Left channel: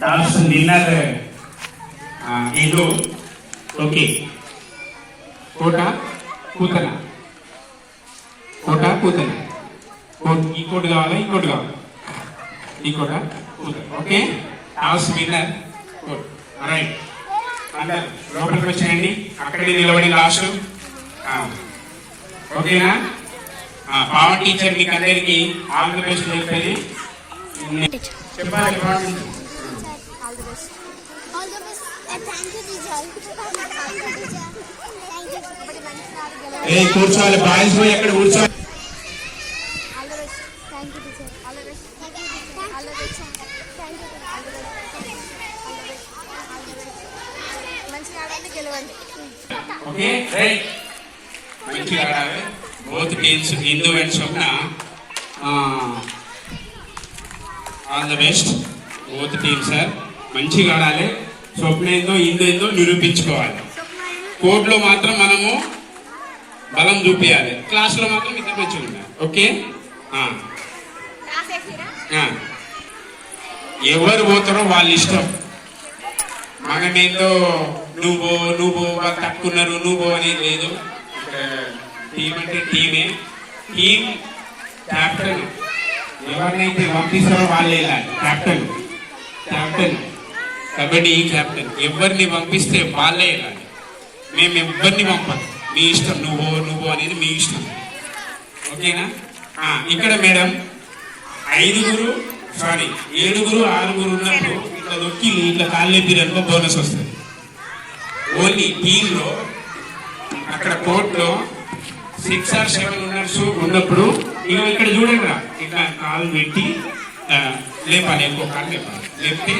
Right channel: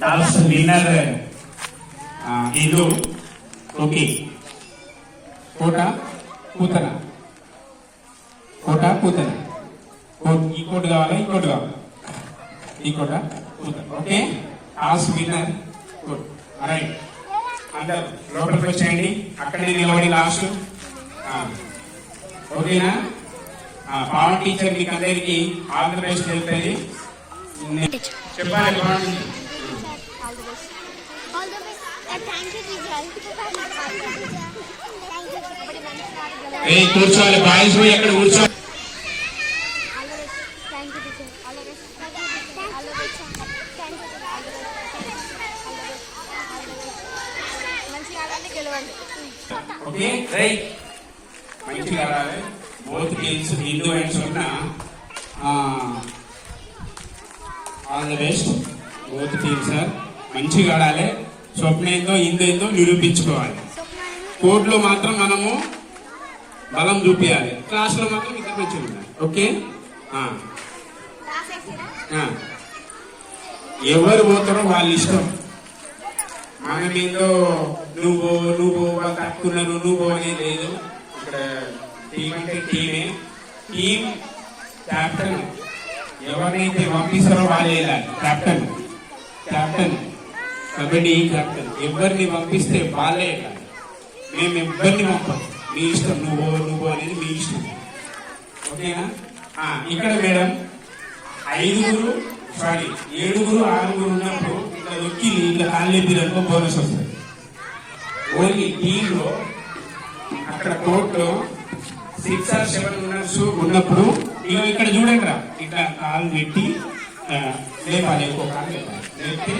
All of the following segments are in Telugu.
టాస్ విన్నర్ ఇది ఓకే కోట కూతన కోట కూతన ఈ కోట కావాలా ఈ కోట కావాలి ఈ కోట కూతన ఓకే టాస్ విన్నర్ రైట్ అందరు లోపలికి వచ్చేయండి అక్కడే నిలబడి లాస్ట్ ఓకేనా పవన్ టీచర్ మీకు అందరికి ఆల్ ది బెస్ట్ చెప్పేది చెప్పాలి కూర్చోవాలి బాయ్స్ అక్కడ కూర్చో ఓకే రైట్ మంచిగా ఆడాలి both teams Hindu and Swapna all the best both teams sir మంచిగా ఆడాలి స్వప్న ఏందో హిందూ ఏందో నిరూపించుకోవాలి కోర్టులో మాత్రం మనము బలం చూపించాలి క్లాస్లో మాత్రం ఇద్దరు వచ్చి ఉండాలి ఓకే ఎవరు పోతారో వాళ్ళ ఇష్టం మనమేదో నువ్వు తక్కున్నారు నువ్వు అనేది లేదు ఇక్కడ టీం అంటే టీమే టీం క్యాప్టెన్ ఎవరినైతే పంపిస్తారో వాళ్ళే వెళ్ళాలి క్యాప్టెన్ కబడ్డీ క్యాప్టెన్ ఎవరిని పంపిస్తే వాళ్ళే వెళ్ళాలి మేము ఎవరిని పంపాలి మీ ఇష్టం నువ్వు అనేది మీ ఇష్టం ఓకేనా ఇక్కడ మేడం 7 6 ఉన్నప్పుడు ఇట్లా నొక్కి ఇట్లా కాళ్ళెప్పిరనుకో బోనస్ వస్తుంది ఓన్లీ టీంలో అక్కడ కోర్టులో 6 or 7 ఉన్నప్పుడు ఇక్కడ చూడండి రా ఇట్లా కాలు పెట్టి లేపాలి ఇంకో కాలు లేపితే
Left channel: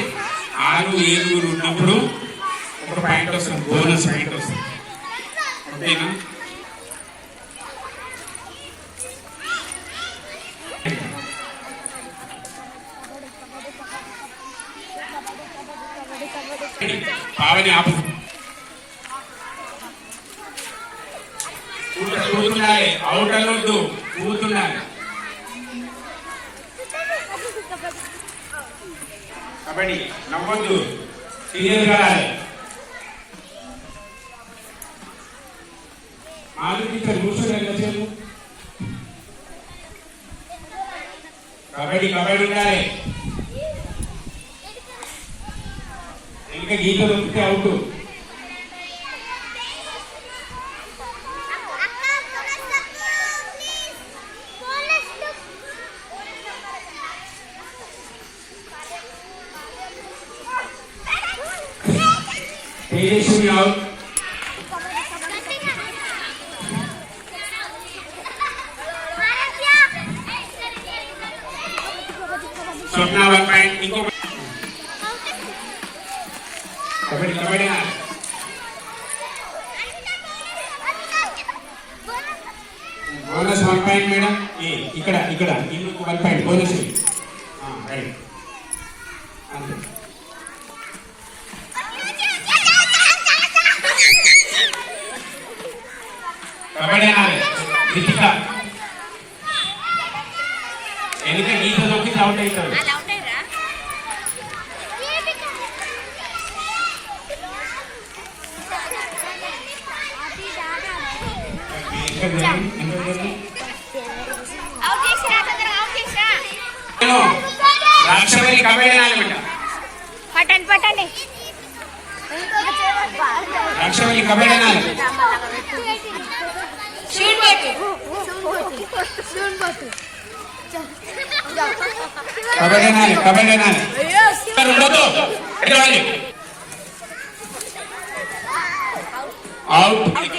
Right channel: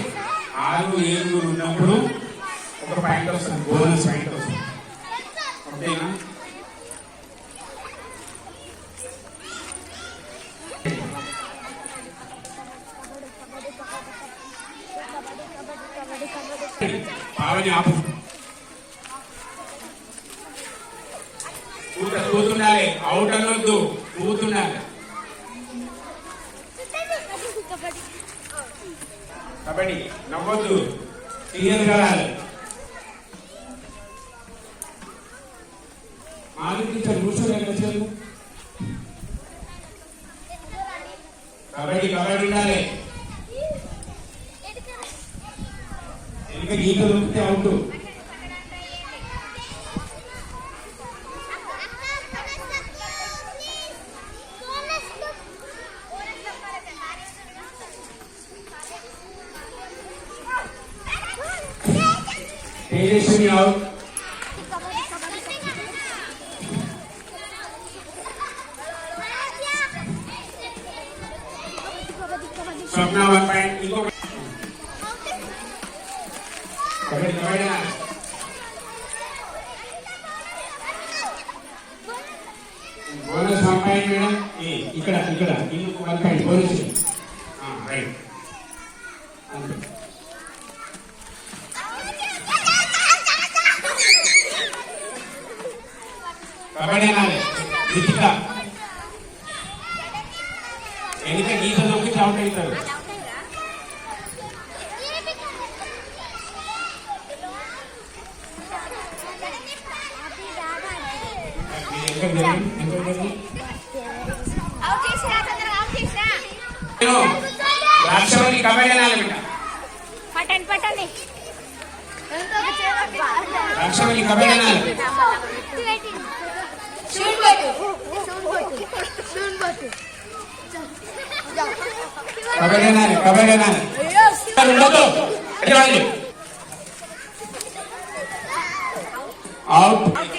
6 7 ఉన్నప్పుడు ఒక పాయింట్ వస్తుంది బోనస్ పాయింట్ వస్తుంది ఓకేనా పావని ఆపు కూతున్నాయి అవుట్ అనొద్దు కూతున్నాయి కబడ్డీ నవ్వొద్దు క్లియర్ కావాలి కబడ్డీ ఉండాలి ఇంకా గీత దొరికితే అవుట్ స్వప్న 1 పాయింట్ ఇంకో కబడ్డీ బోనస్ 1 పాయింట్ మేడం ఇక్కడ ఇంకొక 1 point bonus right kabaddi Ritika ఎన్నిక గీత దొరికి అవుట్ అవుతాడు రాక్షవల్లి కబడ్డీ పట్టండి రాక్షవల్లి కబడ్డీ కబడ్డీ అవుట్